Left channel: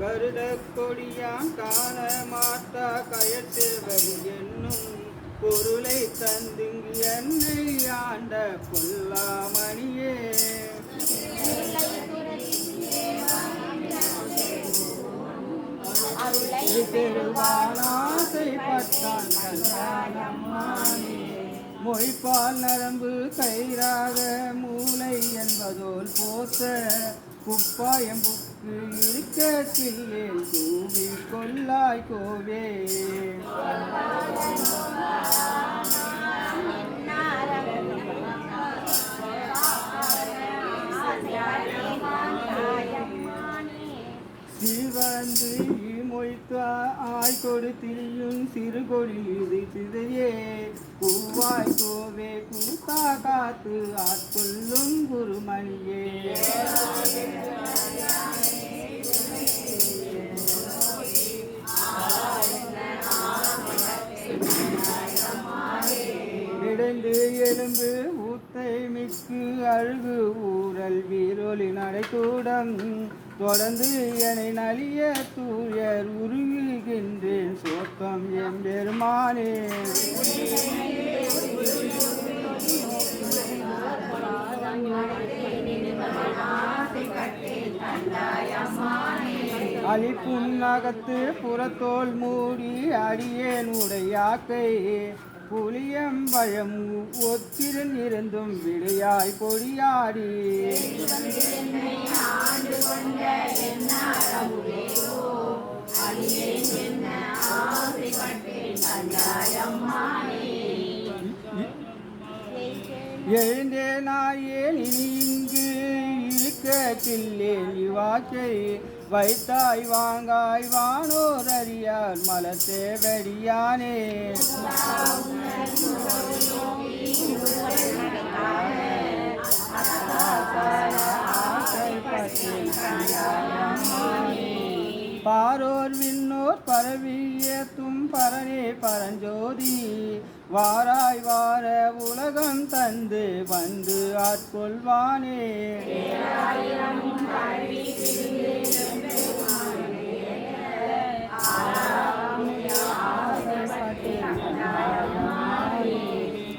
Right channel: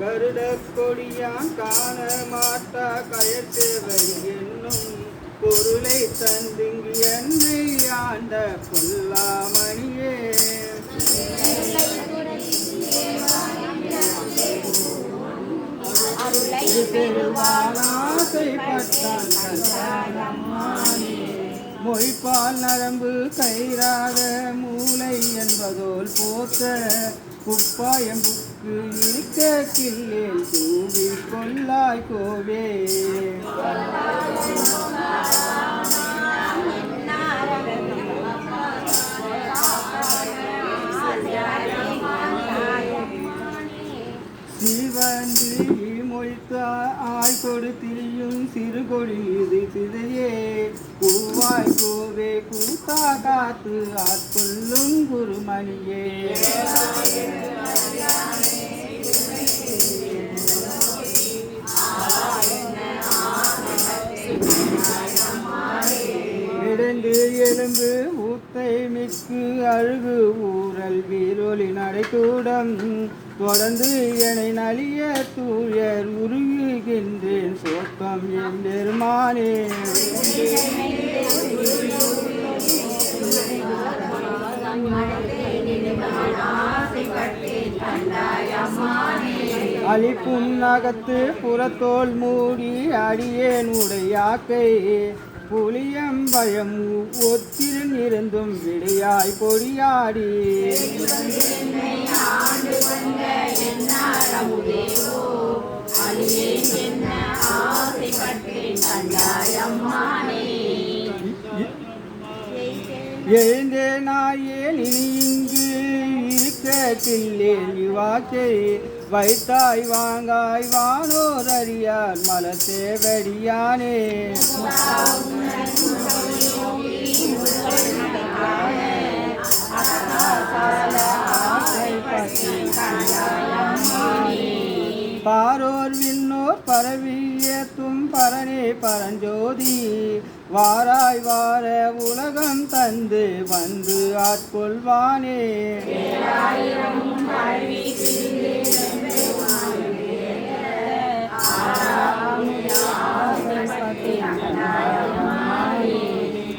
கருட கொடியான் காண மாட்டா கயத்தேவை என்னும் பொருளை தந்துங்கு என்னை ஆண்ட பொல்லாமணியே மொழிப்பால் நரம்பு கயிறாத மூளை என்பதோல் போத்த குப்பாயம்புக்கு இருக்க கிள்ளே தூவி கொள்ளாய் கோவே சிவந்து மொய்த்த ஆய் கொடுத்திரியும் சிறு கொடி இது சிதையே பூவாய் கோவே கூத்தா காத்து ஆட்கொள்ளும் குருமணியே இடந்து எலும்பு ஊத்தை மிக்கு அழுகு ஊரல் வீரொலி நடைக்கூடம் தொடர்ந்து என்னை நலிய தூயர் உருகுகின்றேன் சோக்கம் எம்பெருமானே அழிப்பும் நகத்து புறத்தோல் மூடி அடியேன் உடையாக்கை புளியம்பயம் ஒத்திரன் இருந்தும் விடையாய் பொடியாடி எழுந்தேனாயேன் இங்கு இருக்கத்தில்லேன் வாக்கை வைத்தாய் வாங்காய் வானோர் அறியார் மலர் சேவடியானே பாரோர் விண்ணோர் பரவியத்தும் பரனே பரஞ்சோதி வாராய் வார உலகம் தந்து வந்து ஆட்கொள்வானே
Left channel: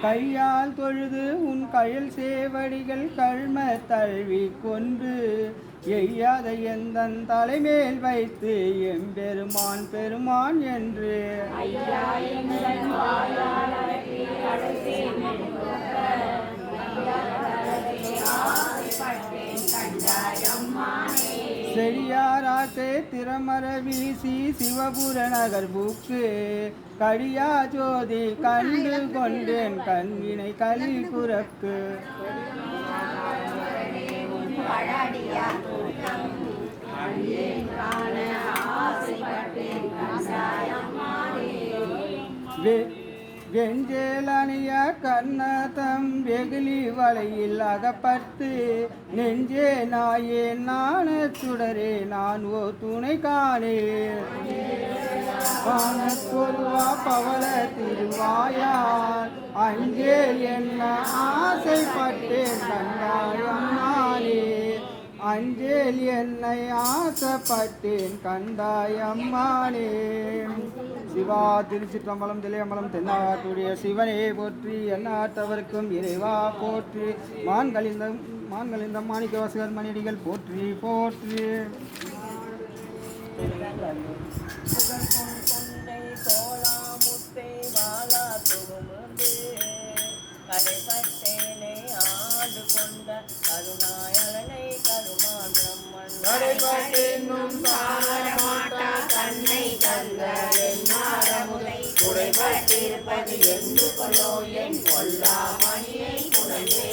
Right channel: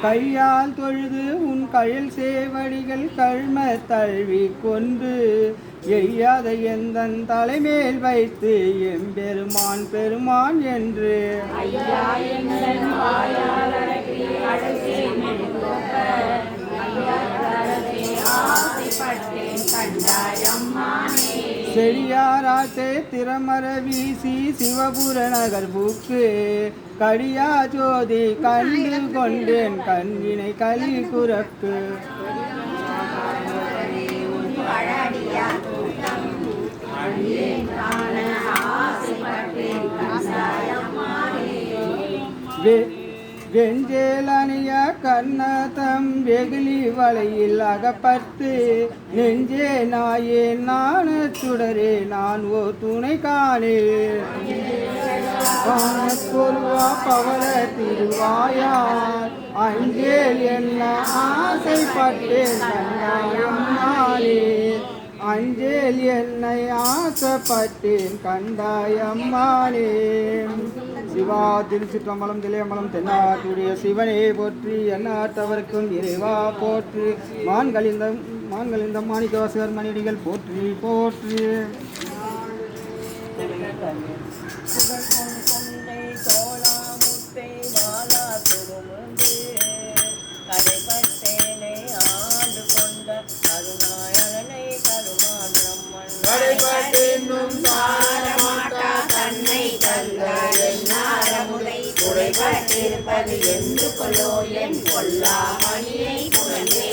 கையால் தொழுது உன் கையில் சேவடிகள் கழ்ம தழுவி கொண்டு எய்யாத எந்தன் தலைமேல் வைத்து எம்பெருமான் பெருமான் என்று செடியாராட்டே திறமர வீசி சிவபுர நகர் புக்கு கடியா ஜோதி கண்டு கொண்டேன் கண்வினை கலி குறக்கு வெஞ்சேலணிய கண்ணதம் வெகுளி வலையில் அகப்பட்டு நெஞ்சே நாயே நாண சுடரே நான் ஓ துணை காணே பொருவா பவள திருவாயார் அங்கே என்ன ஆசைப்பட்டேன் கண்டாயம்மாளே அஞ்சேல் என்னை ஆசைப்பட்டேன் கண்டாயம்மாளே சிவா திருச்சிற்றம்பலம் திளையம்பலம் தென்னாட்டுடைய சிவனே போற்றி எண்ணாட்டவர்க்கும் இறைவா போற்றி மான்களிந்த மாணிக்கவாசகர் மணியடிகள் போற்றி போற்றி கரைப்பட்டேனை ஆண்டு கொண்ட கருணாயலனை கருமான் பிரம்மன் தன்னை தந்த என்னாரமுதை குறைபட்டிருப்பது என்று கொள்ளோ என் கொல்லா மணியை புகழே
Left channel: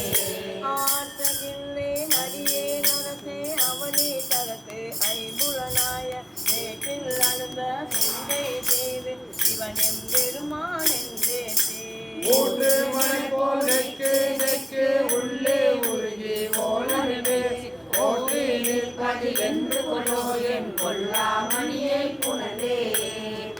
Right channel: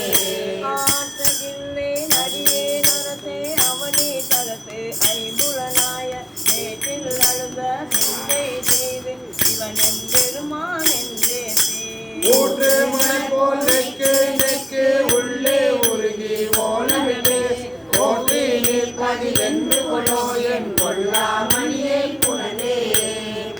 ஆற்றகில்லே நதியே நரசே அவனி தரத்து ஐம்புலனாய நேற்றில் அழுந்த சிந்தை செய்து இவன் எம்பெருமான் என்றே ஊற்று மலை போல் நெக்கு உள்ளே உருகி ஓலமிட்டு ஓட்டி நிற்பது என்று கொள்ளோ என் கொல்லா மணியை புனலே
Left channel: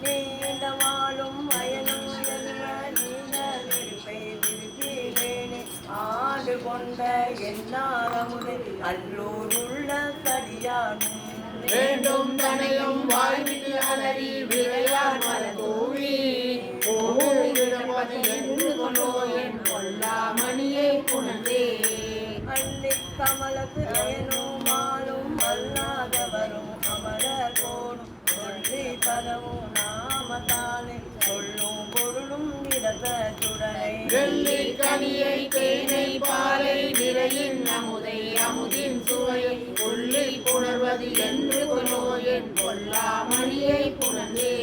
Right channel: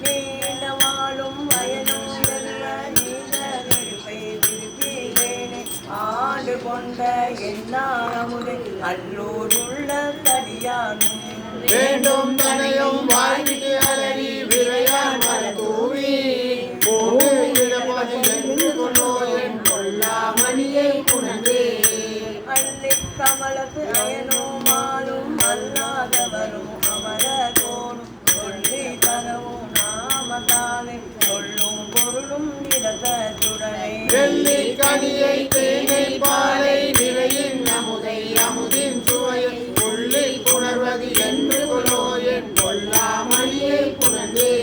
நீண்டவாளும் வயலும் எல்ல நீண்ட நெருப்பை விரும்பினேனே ஆண்டு கொண்ட என்னாரமுதை அல்லோருள்ள தடியானும் வேண்டும் தனையும் வாழ்விட்டு அலறி விரையான் மலர் கூவி கமலத்து அயனுமாலும் அல்லாதவரும் அமர கோணும் சொல்லி தரவும் நாமத்தானே சொல்லும் பொருளும் நிறத்துடனே வெள்ளி கனியை தேனை பாலை நிறையின் அமுதை அமுதின் சுவையை உள்ளில் புணர்வது என்று கொலோ என் கொல்லா மணியை புணர்ந்தே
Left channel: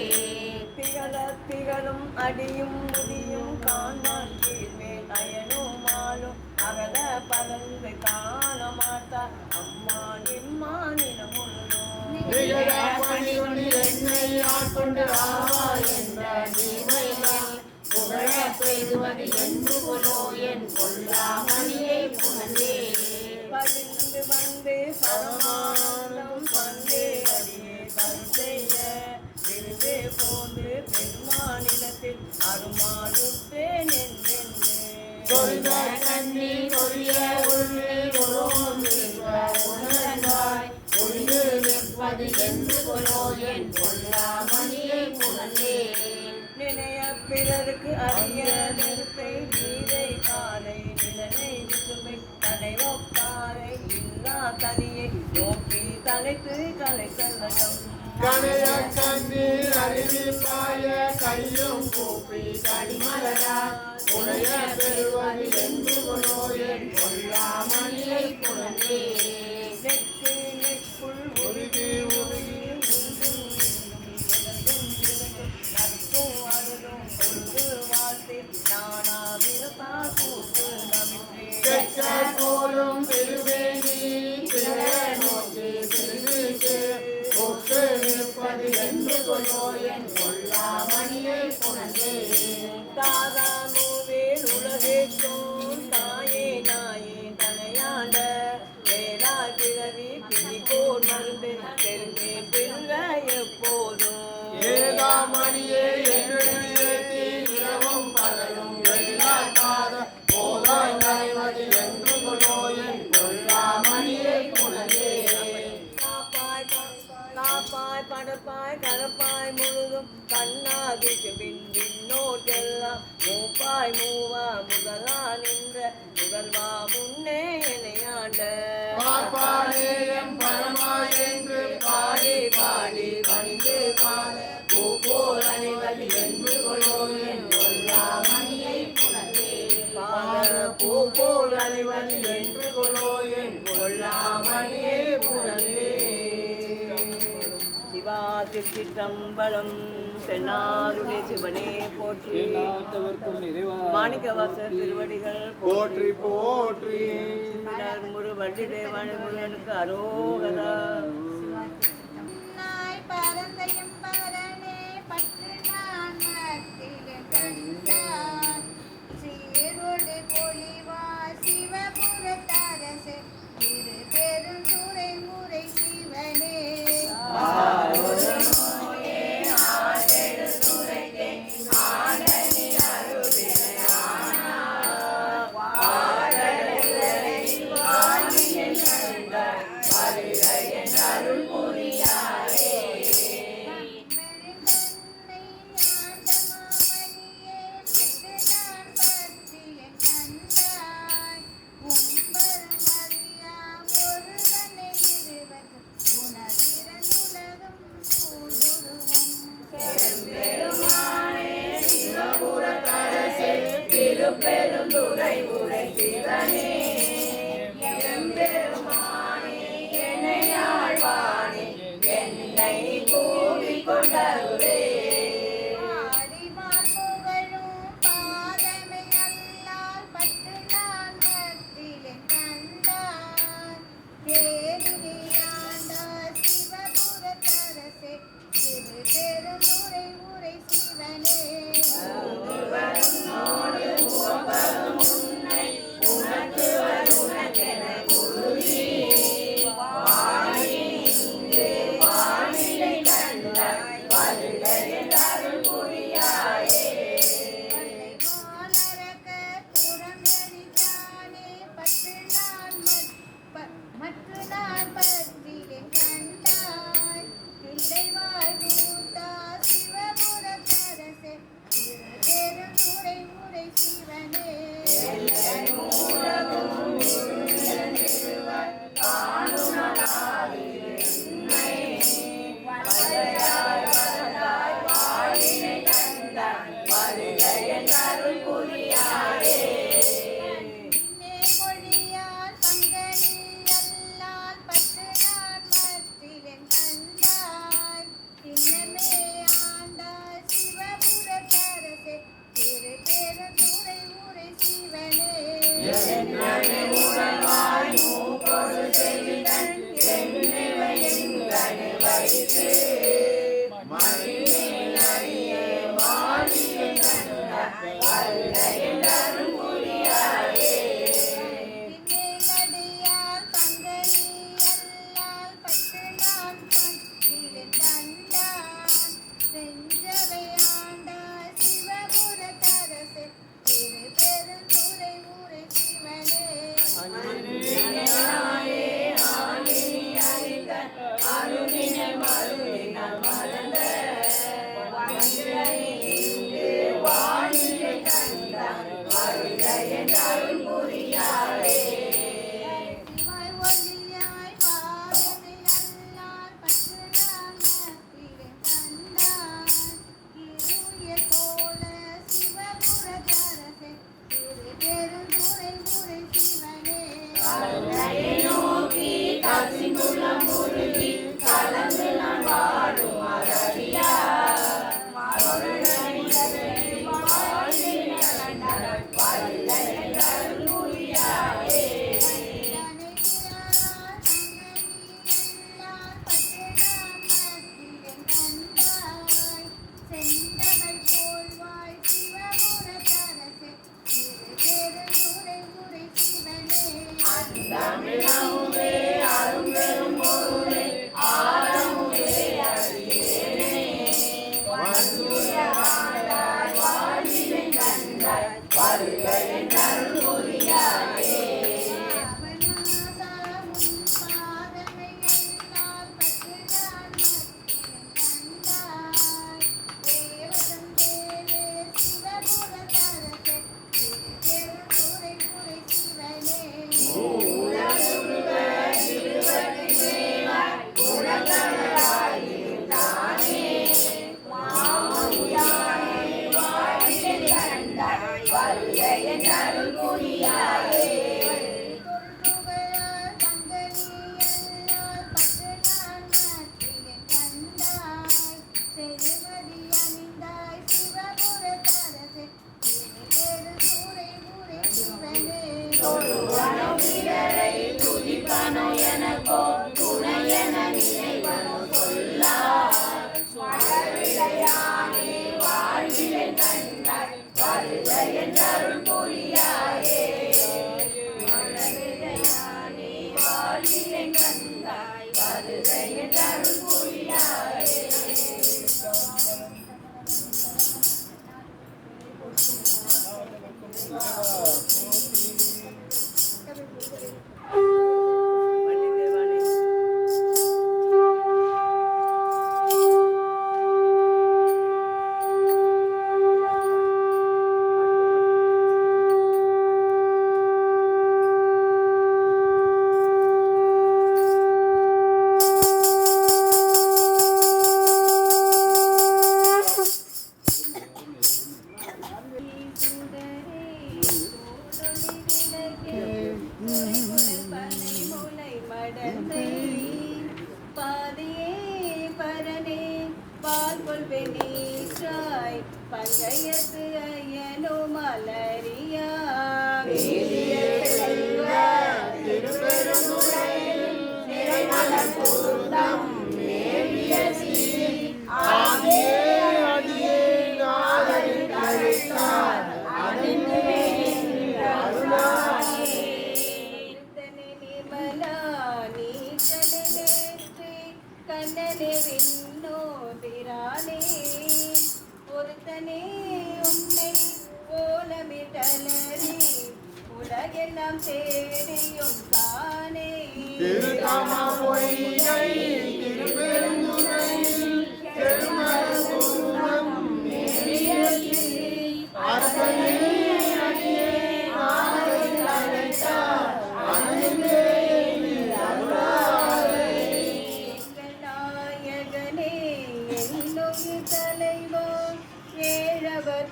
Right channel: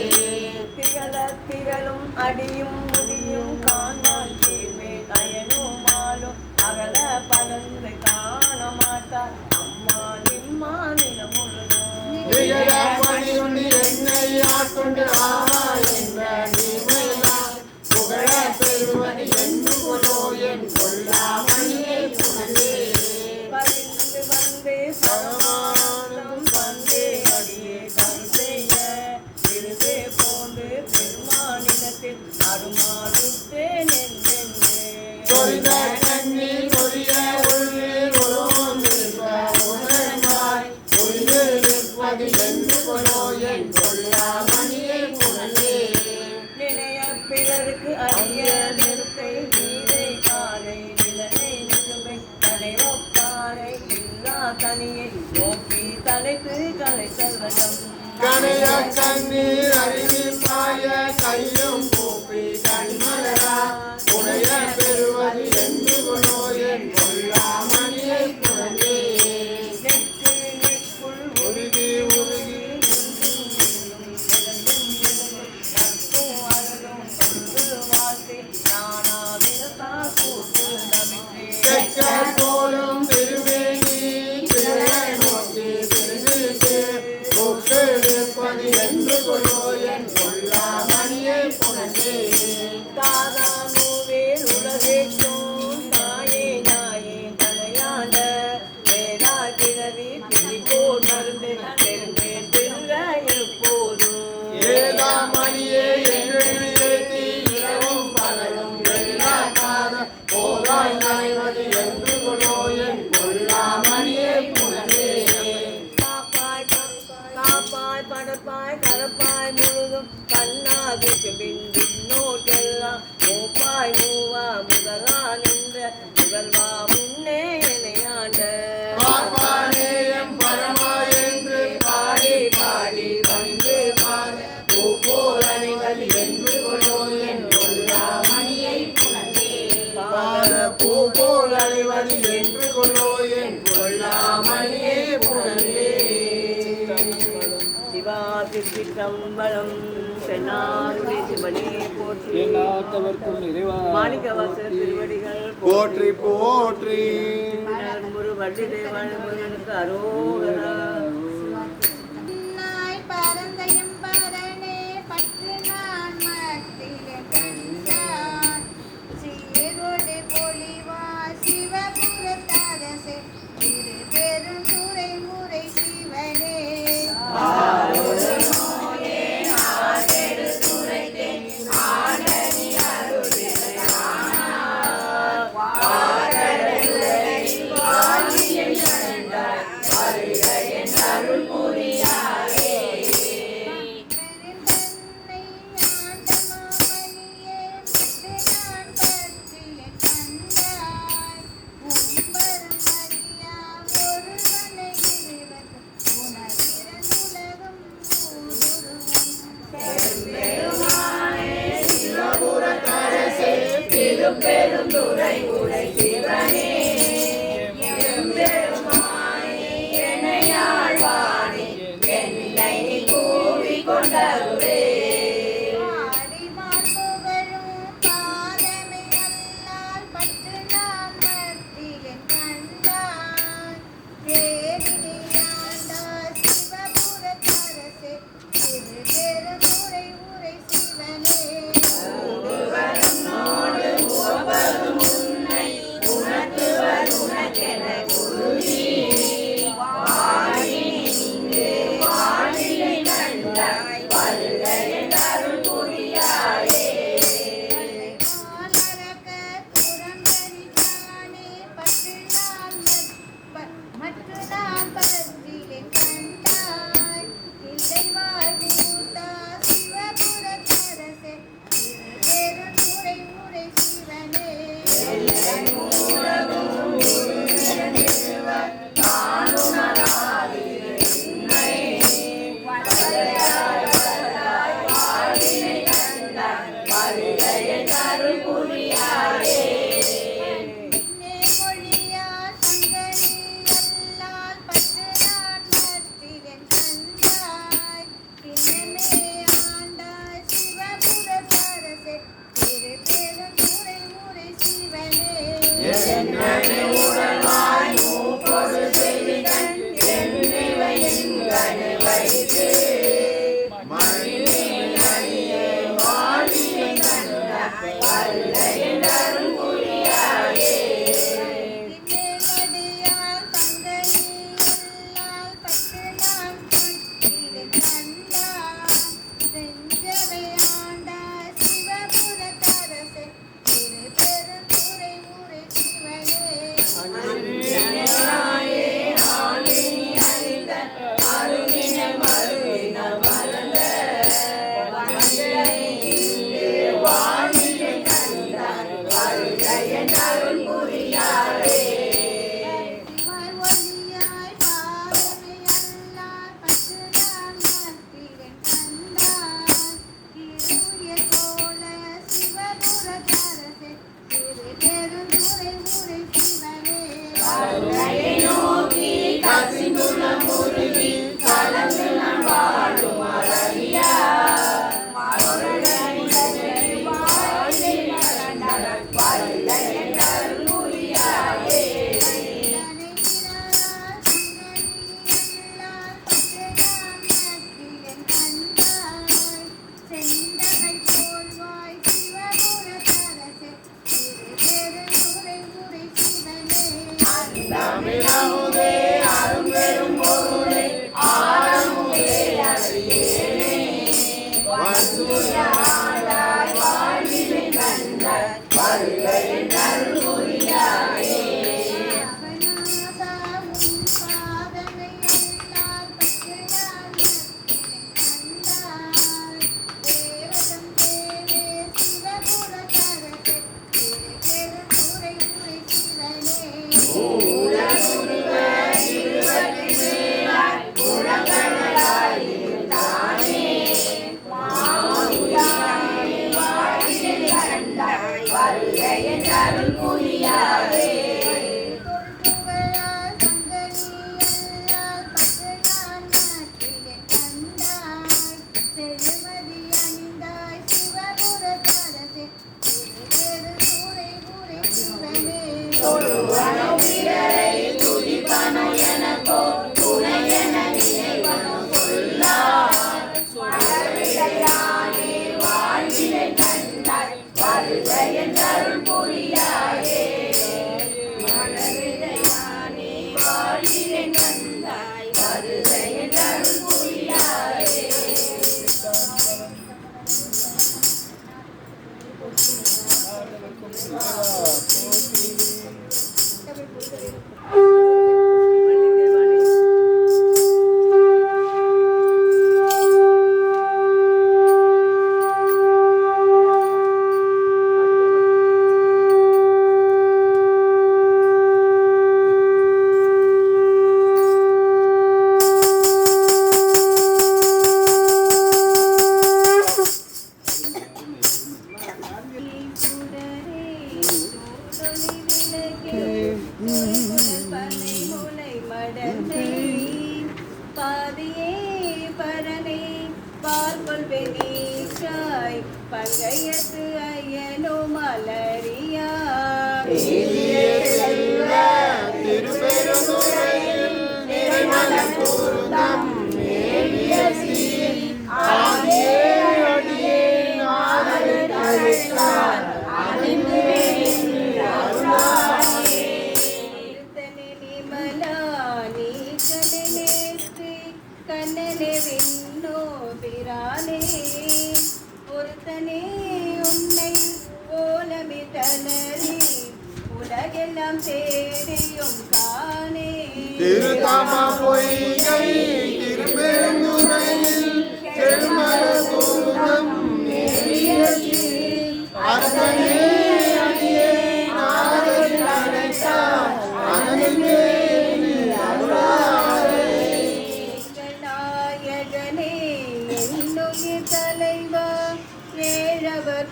திகழ திரளும் அடியும் முடியும் காண்பான் தீர்வே அயனுமாலும் அகல பலந்து காண மாட்டார் அம்மா நிம்மா நிலமுழுதும் என்னை ஆட்கொண்டு என்ற நீமையால் புகழ பெறுவது என்று கொலோ என் கொல்லா மணியை புகழே பறிந்து வந்து சரமானம் வந்தே அடியே கருத்தைய விருதே போன்று பெருமானிடத்தில் அருமாறுத்தேன் என்றென்று பிறருக்கு அரிய நெருப்பை நீரை காலை நிலனை நிசுமை தலை ஒப்பாரை இல்லா தனியை நோக்கி தலைத்து கலை செல்வதம் கனைய கண்ணீர் அறிவிப்பாய கையும் கூப்பி கண்மலரா உடைய பெறுவது என்று கொண்டோ என் கொல்லாமணியை குழந்தை நெக்குள் உருகி உருகி நட்பும் அருளும் கொண்டு வாசி நானா விரதா கூட்டு தெற்க போலும் திருவேணி திரை நோக்கி திருவிக்கு ஒப்பெடுப்பது என்று கொண்டோ என் கொல்லாமணியை குழந்தை தாராமுவேல் உலகேற்றும் தாயே நாயே தலையாண்ட வேதா கிழவி பிடிப்போர் மருந்து தெரிந்தே பிங்க எப்போதும் ஏகாமணியே எங்கெழு ஏத்தி இரவும் பகலும் எல்லாக்காத போகாய் நனைவது என்று கொண்டோ என் கொல்லாமணியை குழந்தை காப்பாய் படப்பாய் கரப்பாய் முழுதும் கண்ணாதிக்கு பின்னோட்டெல்லாம் மூப்பாய் மூவா முதலா நின்ற முதல்வா முன்னே இணையாண்ட பாப்பானே எம் பரமா என்று பாடி பாடி வந்து பாட பூப்போர் அணிவது என்று கொண்டோ என் கொல்லாமணியை குழந்தை பூப்போர் அணிவது என்று கொண்டோ என் கொல்லாமணியை குழந்தை சிவா திருச்சிற்றம்பலம் சென்னாருடைய சிவனே போற்றி மாணிக்கவாசர் திருவடிகள் போற்றி போற்றி வள்ளி தேவனுக்கு அரோகரா நாய் பரந்தையும் பரனே பற்று நான் மத்தில கண்டான் சீரோடு பொலிவா சிவபுரத்தரசே திரு பெருந்துரை முறை சிவனே பெருந்தன்னை ஆண்ட மாமணியே பற்று நான் பற்றில கண்டாய் உம்பரும் அறியா ஒருவனை இருவது உணர்கிறனுலகம் ஊடுருவும் சிவபுரத்தரசே திருப்பெருந்துறை உரை சிவனே எம்பெருமானே என்னையாழ்வானே என்னை கூவிக் கொண்டருளே ஆடிமார் புகழும் பாதமை அல்லால் பற்று நான் மத்தியில் கண்டான் தேரினி ஆண்டார் சிவபுரத்தரசே திரு பெருந்துரை உரை சிவனே மாலரக்க புறம்பரித்தானே பற்று நான் மற்ற நான் பற்றிலே கண்டாய் இல்லைவாய் மூத்தா சிவபுரத்தரசே திரு பெருந்துரை முறை சிவனே பின்னே மொழியால் சங்கனி அல்லால் பற்று நான் மத்திலே கண்டாய் பின்னமே ஆண்டாய் சிவபுரத்தரசே திரு பெருந்துரை முறை சிவனே பின்னேலடியால் சங்கனி அல்லால் பற்று நான் மத்திலே கண்டாய் செஞ்சவை ஆண்டாய் சிவபுரத்தரசே திரு பெருந்துரை முறை சிவனே அருளின மருவி பங்கையத்து அயனோ மலரியா கண்ணனே விண்ணோதிரானே ஒருத்தனே உன்னை ஓலமிட்டனே உலகெல்லாம் தேடியும் காணே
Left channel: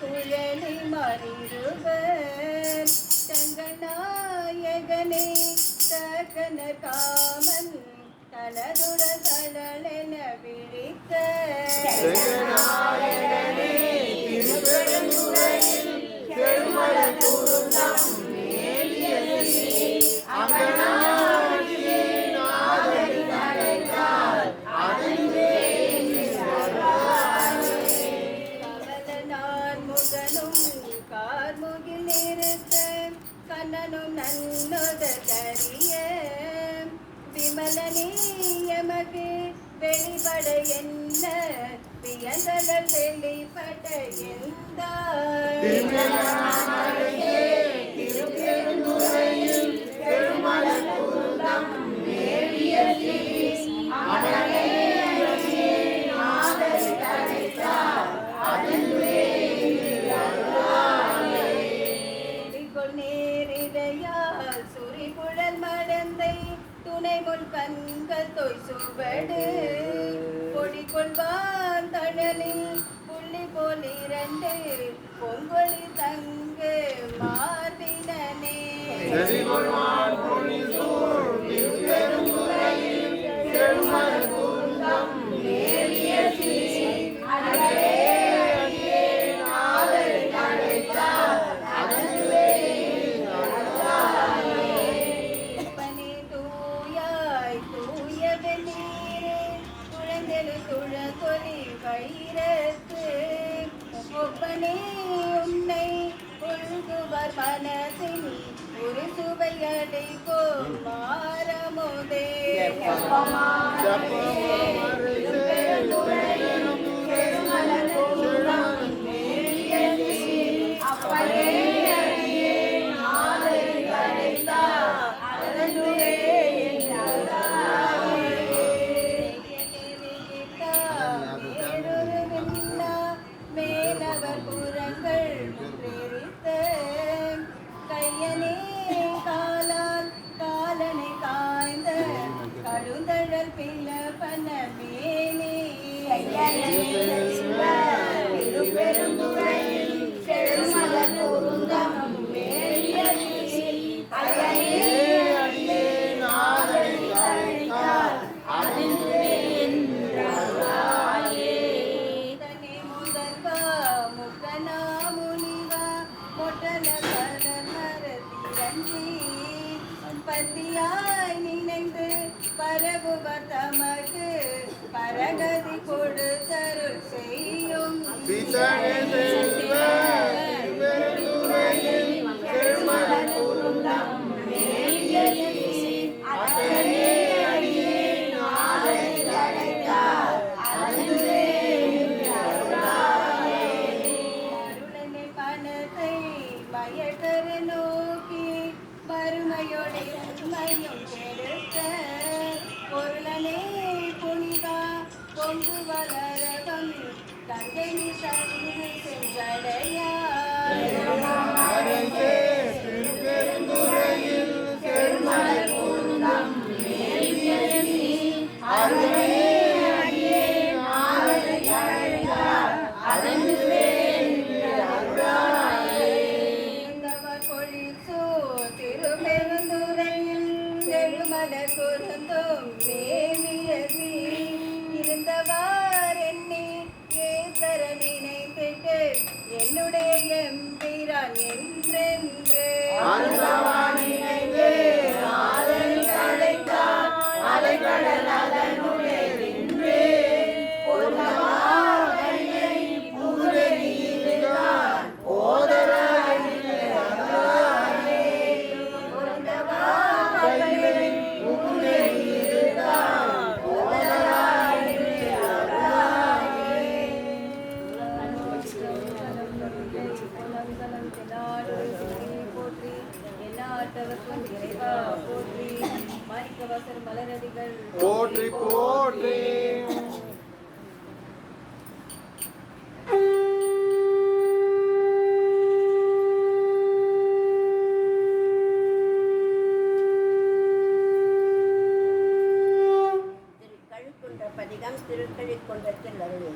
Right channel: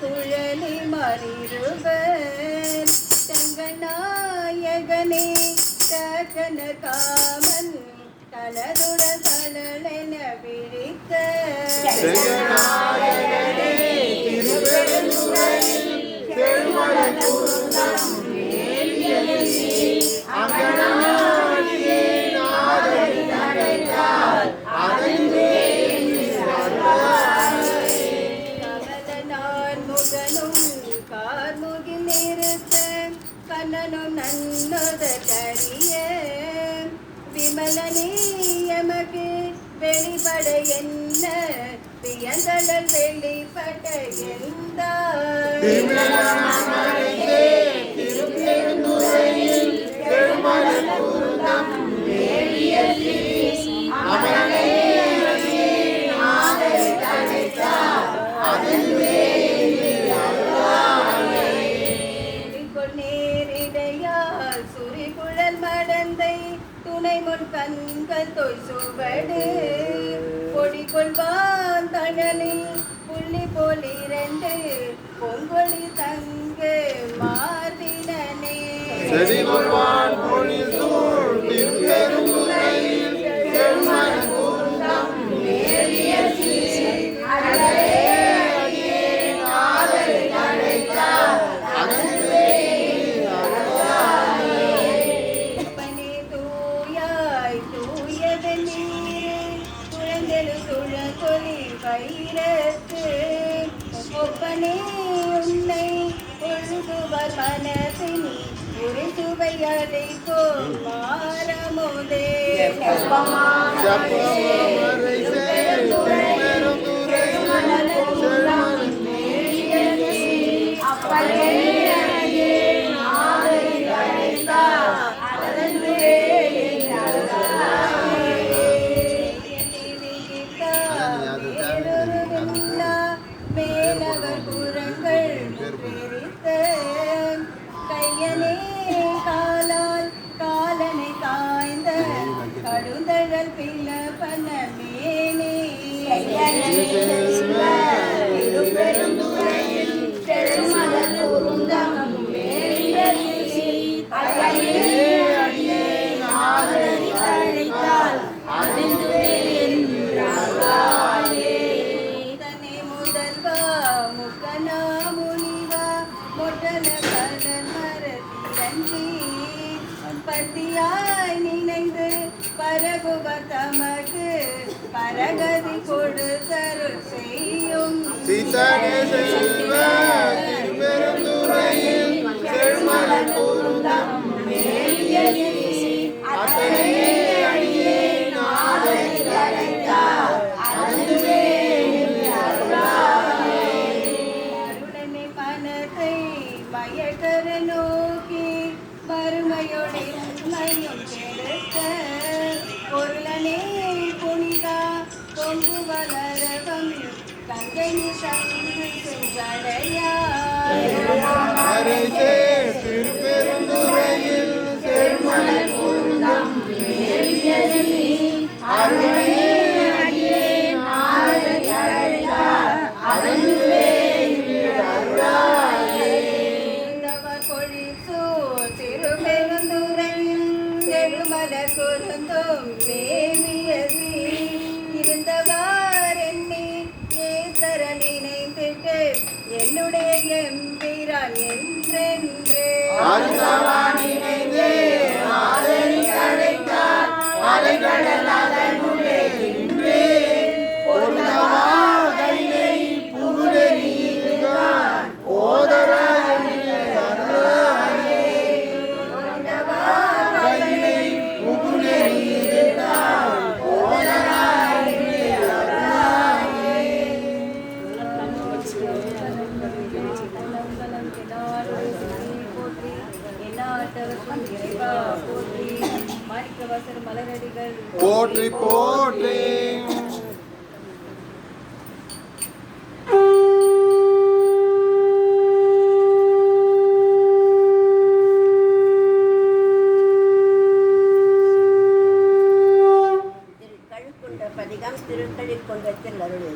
குழலி மறிருவர் தங்கநாயகனே தகன காமன் தனதுட தளலென விழித்த கார்முகில் நிறுத்த கண்ணனும் நன்னொத கரிய விமலனே எமக்கு வெளிப்பட என்ன வியந்தளர் வெளிப்பட்ட எந்த துணை முன் கண்கள் தொய் சுவடு பொடி கொள்வான் தழலில் புள்ளி போல் இரண்டு பொங்கொழி தங்கு மார்பினே ஒப்பனே உன்னை ஒழுகுவர் மனதில் ஒரு சுவையதை போல் மாறமுதே அப்பனே சிவ திருப்பெருந்துறையில் செழுமலர் பொருந்தம் மேலியசி அடியே அடியே ஆதரி அழைத்தால் அதுவே என்றாயே. தனி முதல்வா முக்கனா முனிவா மொட்டல கடல் மரத்திரஞ்சி பத்தியாய் நினைந்து பரகுவர் தமக்கு பரகதி கொடுத்தருள் செய்யும் சீதனே செல்வ திருப்பெருந்துறையில் செழுமலர் பொருந்தம் மேலியசி அத்தனை அடியே நாதனை அழைத்தால் அதுவே அருளாயே. அருளனை மனத்தை மயக்கர நோக்கி வறுமையோடு உண்மையும் கெடுத்த பொருளனே புனிதா பொங்கு வளரவம் கங்கை சங்கு சென்றடையாய். அரசே திருப்பெருந்துறையில் செழுமலர் பொருந்தம் மேலியசி அருளை அடியே நாதனை அழைத்தால் அதுவே அருளாயே. இந்தவர் பொழிசோ திருப்பெருந்துறையில் செழுமலர் பொருந்தும் மேலியசி இருந்தவார் என்னை ஏசர நினைத்திட்டு என்னுடைய எம்பிரான் என்றென்று அலைகடல் அதனுள்ளே நின்று பொருளவா கையை புகுதெறியினான் ஓதரா என்று அருளாயே. பொருளவா கையை புகுதெறியினான் ஓதராய் அருளாயே. போற்றி என்னாட்டவர்க்கும் இறைவா போற்றி மாணிக்கவாசர் மலரடிகள் போற்றி போற்றி. திருக்கழுக்குன்ற பதிகம் திருக்கழில் கொண்ட திருஅருள்